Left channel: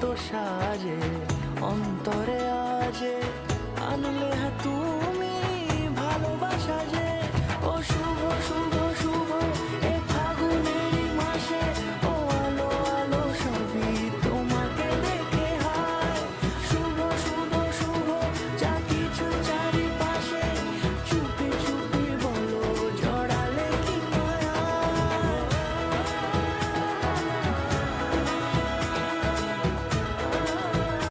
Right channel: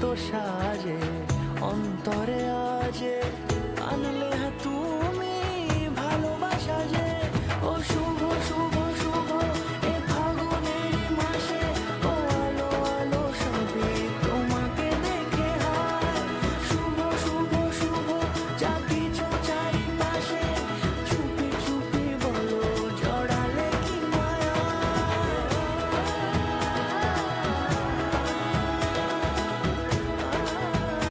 কত সাজে অন্তরে আজে আনলে তুমি ভালোবাসা যে ও শুভ শুভ